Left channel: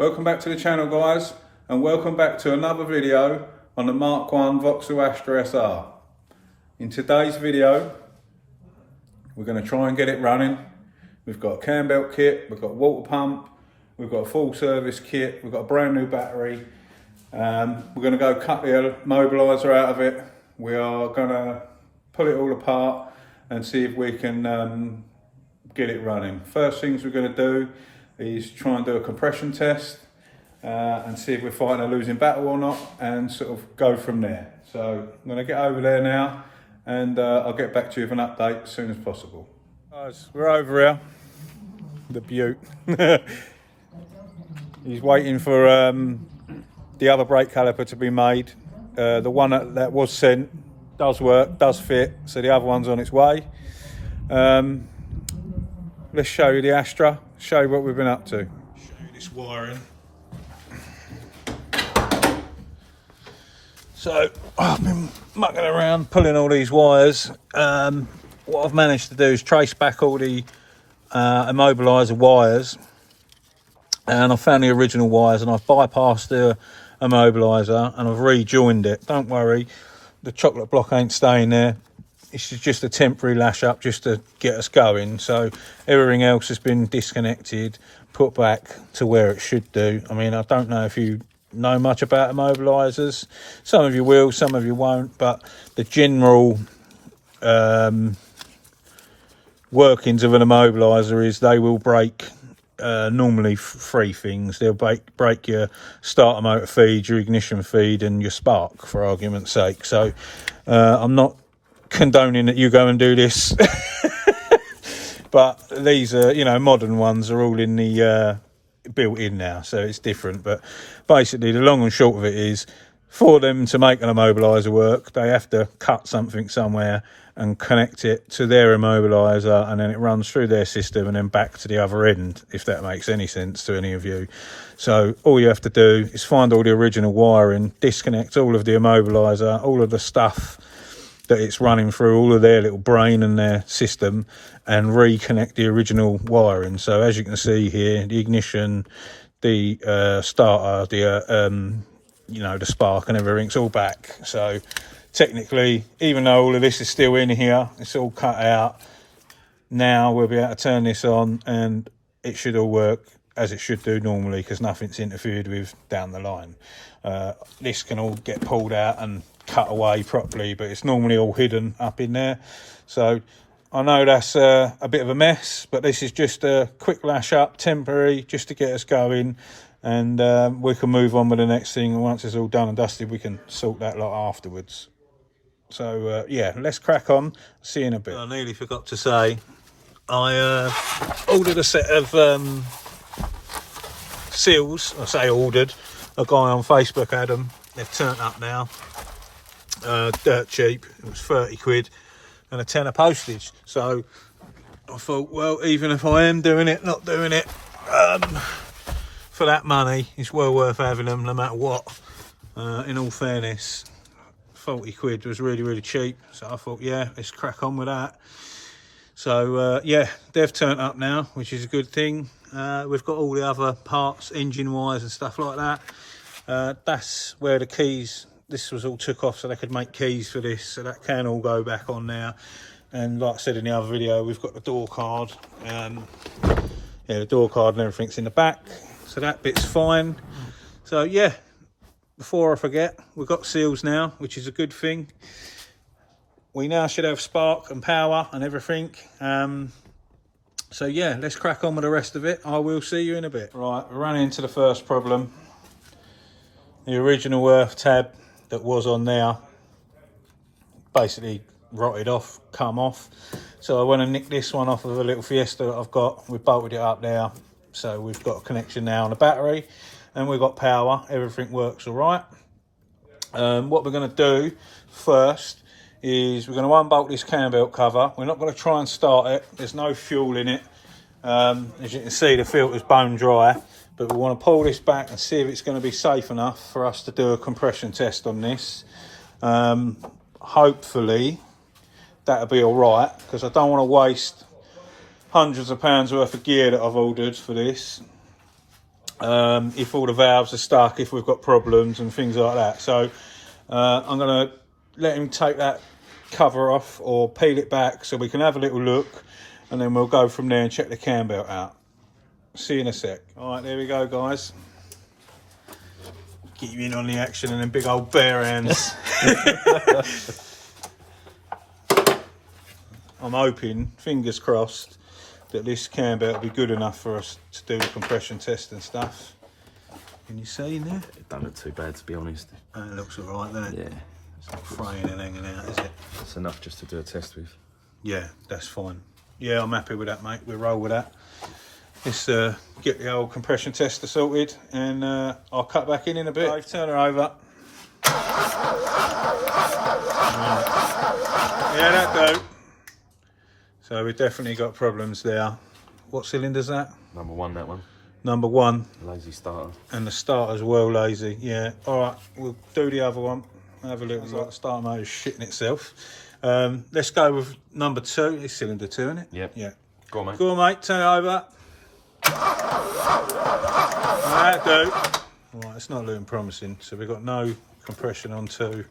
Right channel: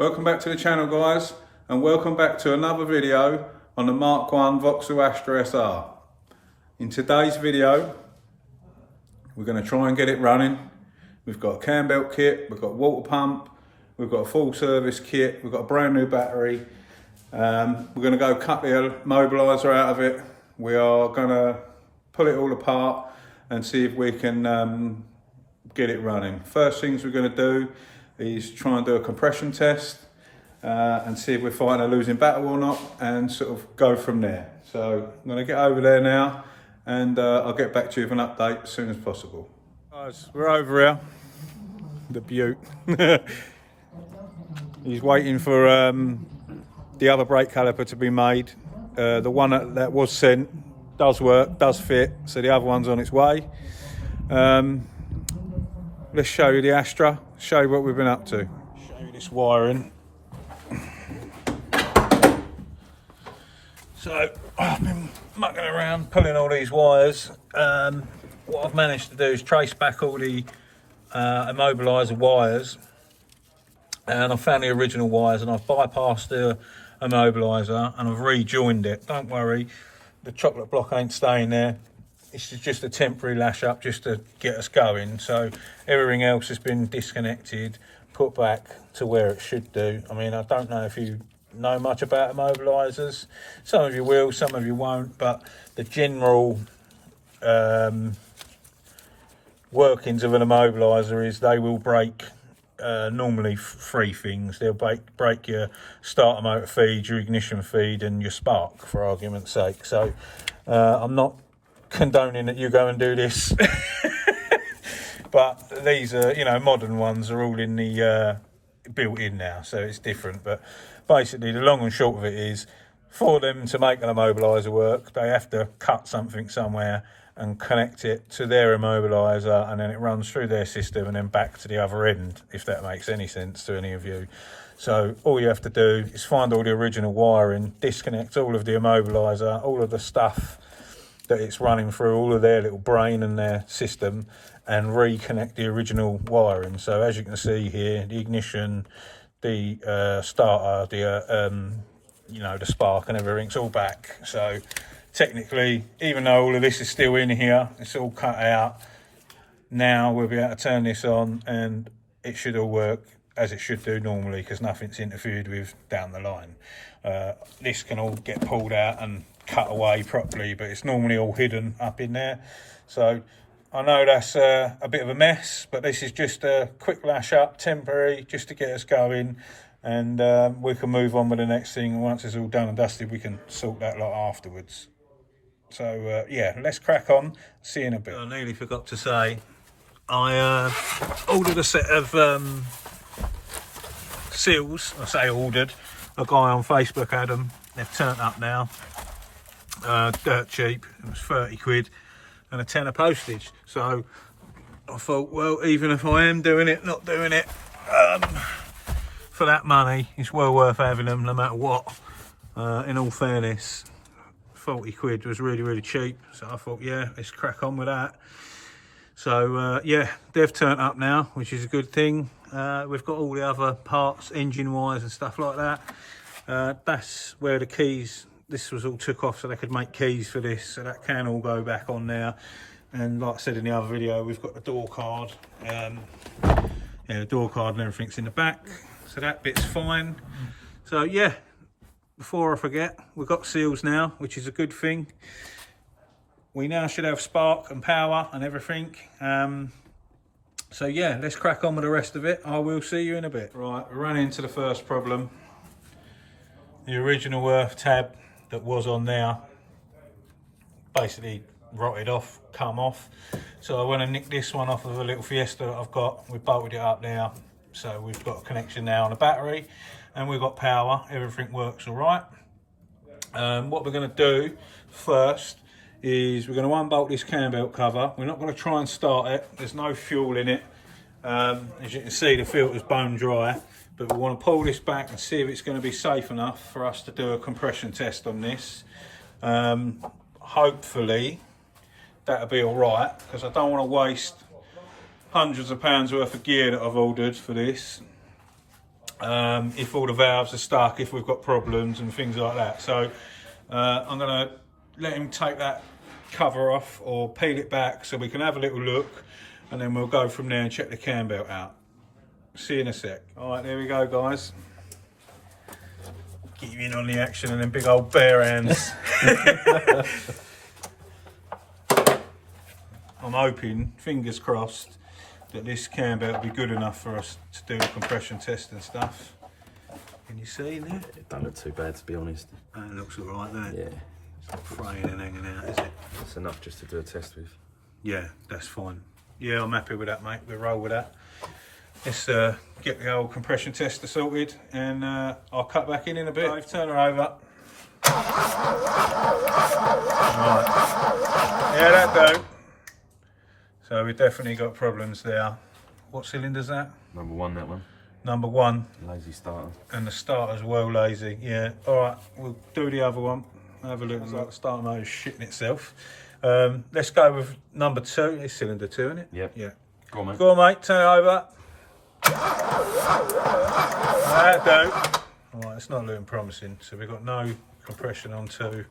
Welcome back to the channel, guys, and welcome back to another video on the Mk1 Vauxhall Astra SR. In today's video, we're going to try and get it running. We've got a cam belt kit, we've got a water pump, we've got a full service kit, we've got a brand new battery. We're going to go cut the immobilizer out of it. We are going to pull it all apart and see if we can get it running. First things we're going to do is try and do a compression test and see if we're fighting a losing battle or not, and sort of go from there. So I'm going to get over there now, and I'll get back to you with an update as soon as possible. Guys, we're over here, the Butte. He's waiting for the other brake caliper to be made. The one that was sent does work, does fit, so the other one's on its way. Let's show you the Astra, show you what we've been up to. Show you this wiring. So I've been mucking around pulling all these wires. What I've managed to do is trace back all the immobilizer wires, and I found the original wires, and I've bypassed the immobilizer and I've rejoined it. Don't worry, the chocolate block ain't staying there. This is just a temporary lash up just to get us going. So everything else has been disconnected, put back to where it should do. I mean, I don't know if you know much about immobilizers. Some of you will, some of you won't, but the general workings of an immobilizer is they will break normally three things. They'll break your starter motor feed, your ignition feed, and your spark, for argument's sake. So I'm not condoning that you go and do this, but these are, you know, modern ones are all in the built in now, so it's different. But basically the long and short of it is, for them to make an immobilizer work, they have to cut something somewhere and connect it to their immobilizer, and then it runs through their system and then back to the other end, if that makes any sense to any of you. So all you have to do is find all the original wiring, disconnect all of the immobilizer, all of the stuff that it's running through, all of their little brain and their system, and reconnect the original wiring. So as you can see here, the ignition, the starter, the you know, the spark and everything's all back. So technically, even though all of this is still in here, it's all cut out. Now we'll be able to turn this on and it should all work as it should do normally, because nothing's interfered with down the line. This can all get pulled out and cut away properly, but it's normally all hidden up in there. So I know that's a bit of a mess, but this is just a quick lash up, temporary, just to get us going, and we can move on with the next thing. And once it's all done and dusted, we can sort that lot afterwards. So yeah, let's crack on. See you in a bit. I nearly forgot to say, I ordered a set of seals. I say ordered, a guy on Facebook had them. They've turned up now. Dirt cheap. It was 30 quid and a tenner postage. So I thought, well, even if I am doing it, not doing it, for that money, it's well worth having them no matter what. In all fairness, 40 quid was really, really cheap. So I thought, yeah, let's crack on with that. So yeah, they've turned up now, which is a good thing. We've got all the other parts, engine wires and stuff like that. That's where the keys, this was all took off so they could make keys for this, so that can all go back on there. And like I said in the other video, we've got the door card, yeah, the door card and everything's in the back, so that bit's fine. So yeah, before I forget, we've got seals now, which is a good thing. We now should have spark and power and everything. So yeah, let's crack on with the rest of it. I will see you in a bit. Right, we're running into the first problem. The original earth tab that was on there basically rotted off, come off. So I went and nicked this one off of a little Fiesta that I've got. We bolted it up there. So we've got a connection now on the battery and we've got power. Everything works all right. What we're going to do first is we're going to unbolt this cam belt cover. We're not going to try and start it. There's no fuel in it. As you can see, the filter's bone dry. But we want to pull this back and see if it's going to be safe enough for us to do a compression test on this. Hopefully that'll be all right, because I don't want to waste hundreds of pounds worth of gear that I've ordered for this. if all the valves are stuck, if we've got problems and things like that. So I'm going to let him take that cover off or peel it back so we can have a little look, and then we'll go from there and check the cam belt out. See you in a sec. All right, there we go, guys. Get you in on the action and then big old bare hands. I'm hoping, fingers crossed, that this cam belt will be good enough for us to do the compression test and stuff. Can you see there? It don't look too bad, to be honest. That looks all right, doesn't it? Yeah. It's not fraying and hanging out, is it? That's enough just to do a test with. Yeah, that's fine. Yeah, I'm happy with that, mate. We'll roll with that. Let's get the old compression tester sorted, and I'll cut back in a bit. Dave, turn her over. Right. Yeah, that do. So we've definitely got problems there. What cylinder's that? Number 1, that one. Number 1. Lazy starter. And the starter's well lazy. Yeah. All right, we'll do the other one. Have a look. It's like the starter motor's shitting itself. Let's go with number 2. It's cylinder 2, isn't it? Yep. Yeah. Go on, mate. Go on, mate. Turn it over. That'll do. All right, it's not looking promising. So we've got no compression on 2,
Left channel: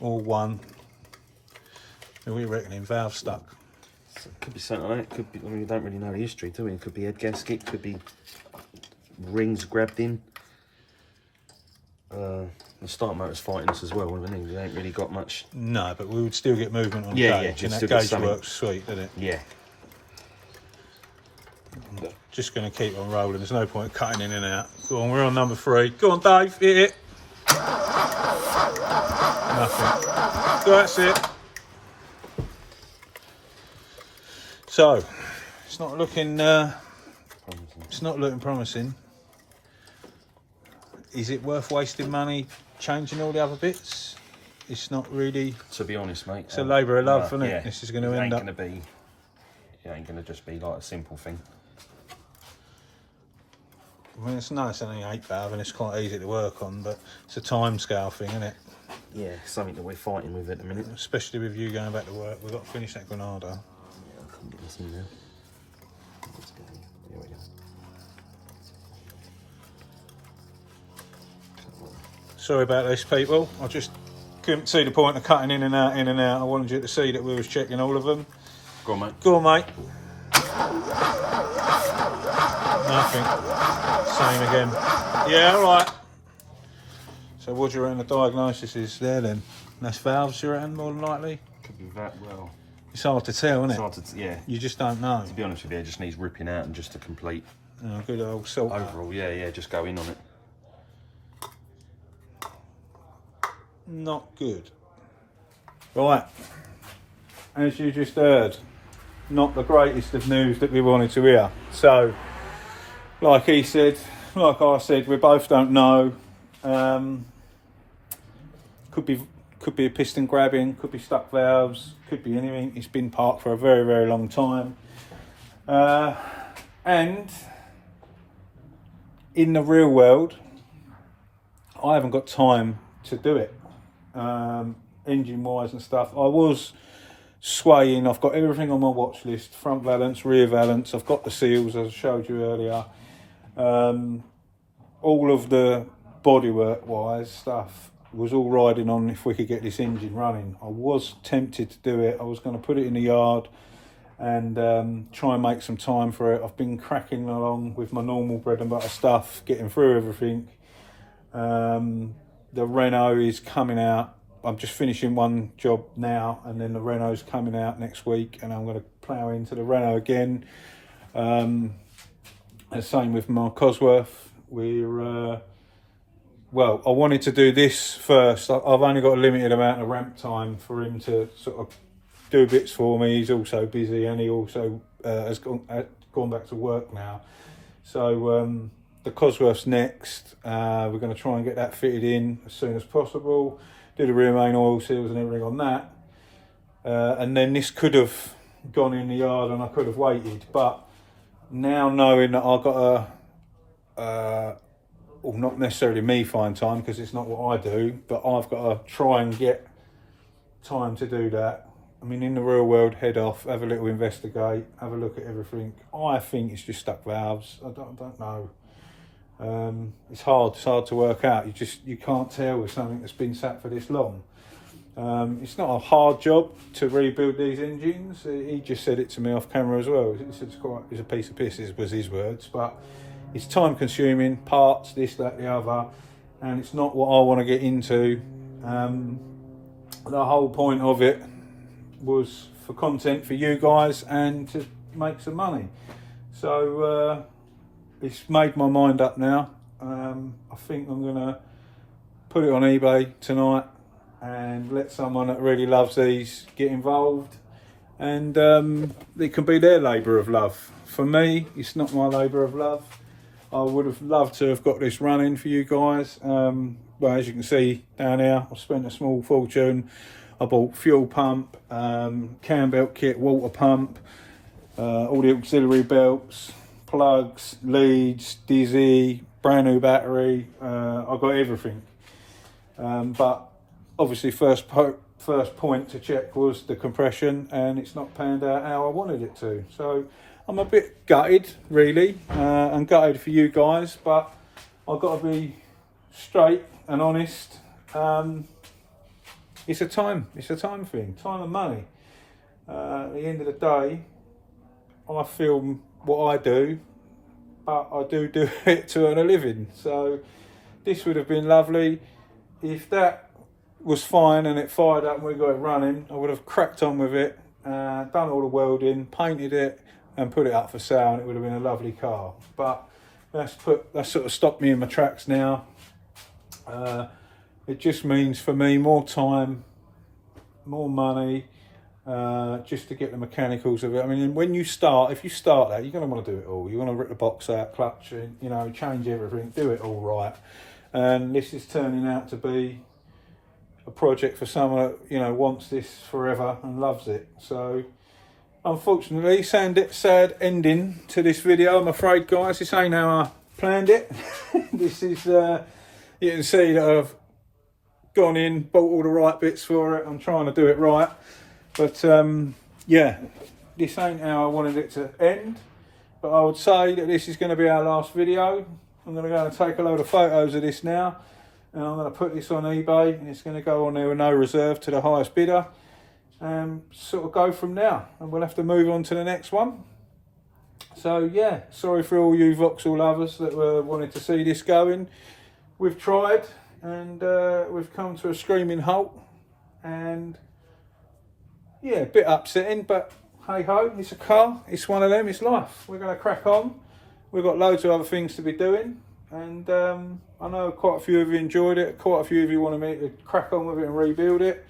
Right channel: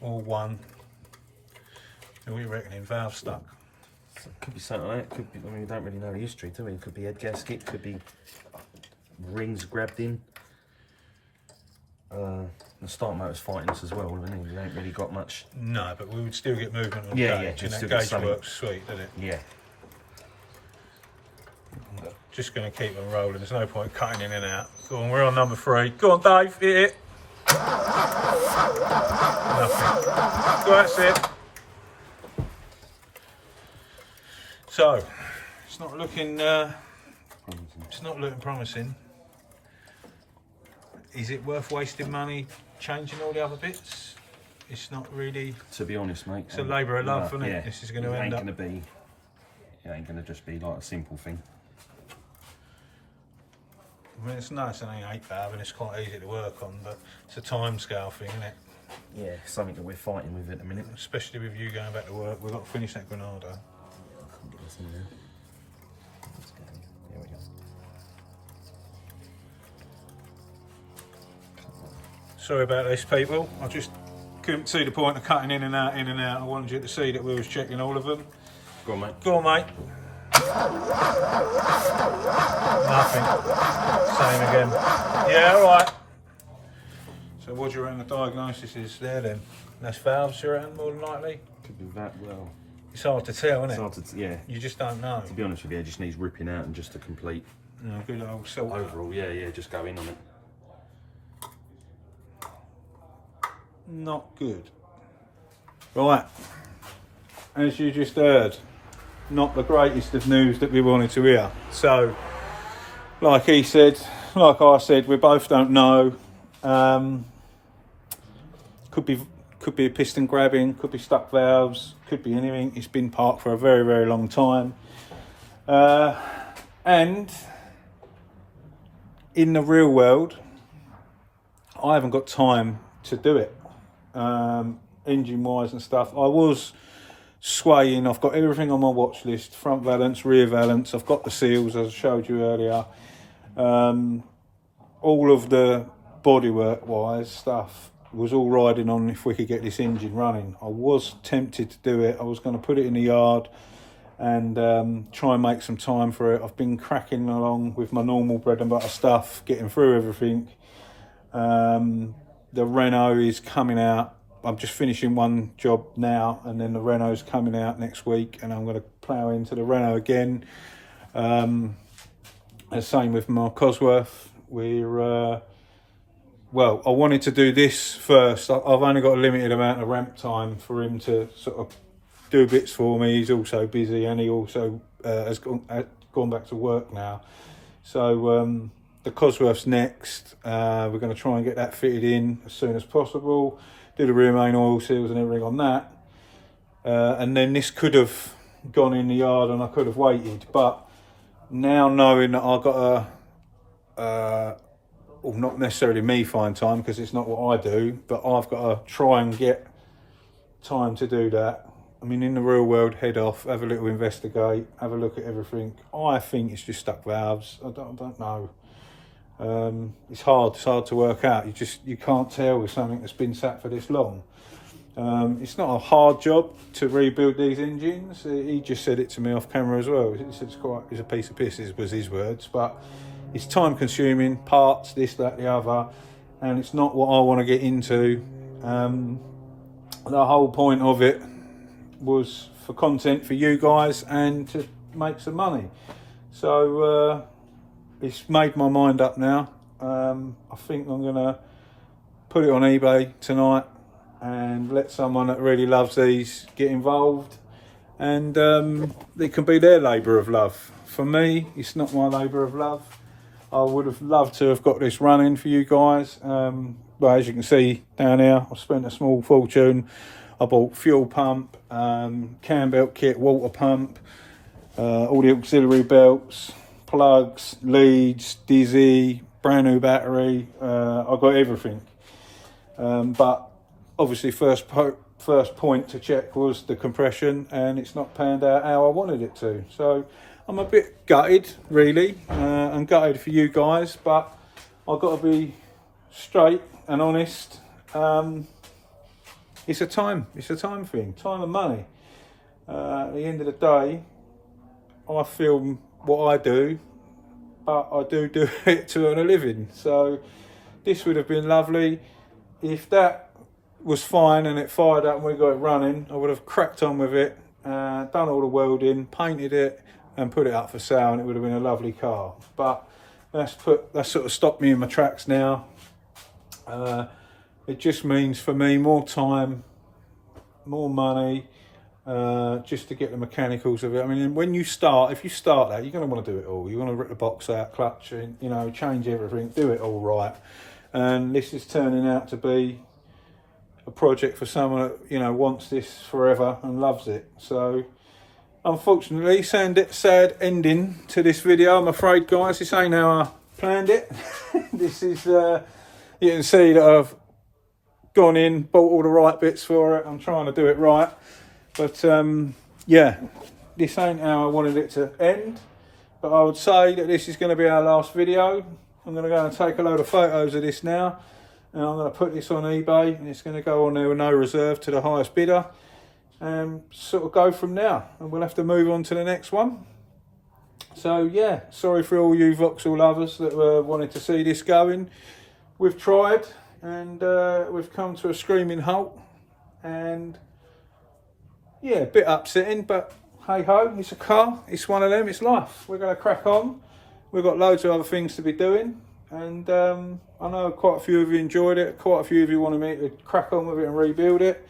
or 1. And we reckoning valve stuck. So it could be something like that. Could be. I mean, we don't really know the history, do we? It could be head gasket. Could be rings grabbed in. The start motor's fighting us as well. We ain't really got much. No, but we would still get movement on Yeah, gauge, yeah. and that gauge works sweet, doesn't it? Yeah. Just going to keep on rolling. There's no point cutting in and out. Go on, we're on number 3. Go on, Dave, hit it. Nothing. Go, that's it. So, it's not looking. It's not looking promising. Is it worth wasting money changing all the other bits? It's not really. To be honest, mate. It's a labour of love, isn't it? Yeah. This is going to end up. It ain't going to just be like a simple thing. I mean, it's nice, and only 8 valve, and it's quite easy to work on, but it's a time scale thing, isn't it? Yeah, something that we're fighting with at the minute. Especially with you going back to work, we've got to finish that Granada. Yeah, I can get this in there. Let's get in. There we go. Sorry about this, people. I just couldn't see the point of cutting in and out, in and out. I wanted you to see that we was checking all of them. Go on, mate. Go on, mate. Nothing. Same again. Yeah, all right. So what do you reckon the diagnosis is there then? Less valves, you reckon, more than likely? Could be that well. It's hard to tell, isn't it? It's hard to, yeah. You just don't know. To be honest with you, it just needs ripping out and just a complete Oh, good old salt. overall. Yeah, just go in on it. Not good. Right. As you just heard, not the greatest of news that we wanted to hear. So, like he said, like I said, we both don't know. Could be a piston grabbing, could be stuck valves, could be anything. It's been parked for a very, very long time. And in the real world, I haven't got time to do it. Engine wise and stuff. I was swaying. I've got everything on my watch list: front valance, rear valance. I've got the seals, as I showed you earlier. All of the bodywork wise stuff was all riding on if we could get this engine running. I was tempted to do it. I was going to put it in the yard and try and make some time for it. I've been cracking along with my normal bread and butter stuff, getting through everything. The Renault is coming out. I'm just finishing one job now, and then the Renault's coming out next week, and I'm going to plough into the Renault again. And same with my Cosworth. Well, I wanted to do this first. I've only got a limited amount of ramp time for him to sort of do bits for me. He's also busy, and he also has gone back to work now. So the Cosworth's next. We're going to try and get that fitted in as soon as possible. Do the rear main oil seals and everything on that. And then this could have gone in the yard and I could have waited. But now knowing that I've got well, not necessarily me find time because it's not what I do, but I've got to try and get time to do that. I mean, in the real world, head off, have a little investigate, have a look at everything. I think it's just stuck valves. I don't know. It's hard to work out. You can't tell with something that's been sat for this long. It's not a hard job to rebuild these engines. He just said it to me off camera as well. He said it's a piece of piss, was his words, but it's time consuming, parts, this, that, the other, and it's not what I want to get into. The whole point of it was for content for you guys and to make some money. So it's made my mind up now. I think I'm gonna put it on eBay tonight and let someone that really loves these get involved, and it can be their labour of love. For me, it's not my labour of love. I would have loved to have got this running for you guys. Well, as you can see down here, I spent a small fortune. I bought fuel pump, cam belt kit, water pump, all the auxiliary belts, plugs, leads, dizzy, brand new battery. I got everything. But obviously first point to check was the compression, and it's not panned out how I wanted it to. So I'm a bit gutted, really, and gutted for you guys, but I've got to be straight and honest. It's a time thing, time and money. At the end of the day, I film what I do, but I do it to earn a living. So this would have been lovely. If that was fine and it fired up and we got it running, I would have cracked on with it, done all the welding, painted it and put it up for sale, and it would have been a lovely car. But that's sort of stopped me in my tracks now. It just means for me more time, more money, just to get the mechanicals of it. I mean, if you start that, you're going to want to do it all. You want to rip the box out, clutch, and change everything, do it all right. And this is turning out to be a project for someone that wants this forever and loves it. So unfortunately, sad ending to this video, I'm afraid, guys. This ain't how I planned it. This is you can see that I've gone in, bought all the right bits for it. I'm trying to do it right, but yeah, this ain't how I wanted it to end. But I would say that this is going to be our last video. I'm going to go and take a load of photos of this now, and I'm going to put this on eBay, and it's going to go on there with no reserve to the highest bidder, and sort of go from now, and we'll have to move on to the next one. So yeah, sorry for all you Vauxhall lovers that wanted to see this going. We've tried, and we've come to a screaming halt, and yeah, a bit upsetting, but hey ho, it's a car, it's one of them, it's life. We're going to crack on. We've got loads of other things to be doing, and I know quite a few of you enjoyed it, quite a few of you wanted me to crack on with it and rebuild it,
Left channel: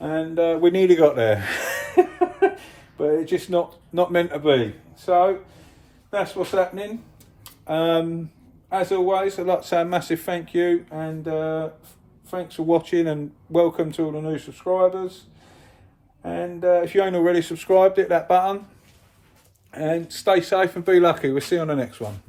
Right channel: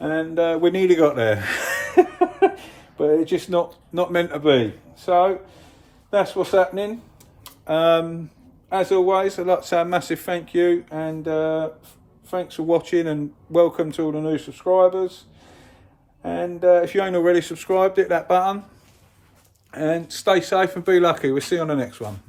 and we nearly got there. But it's just not meant to be. So that's what's happening. As always, I'd like to say a massive thank you, and thanks for watching, and welcome to all the new subscribers. And if you ain't already subscribed, hit that button, and stay safe and be lucky. We'll see you on the next one.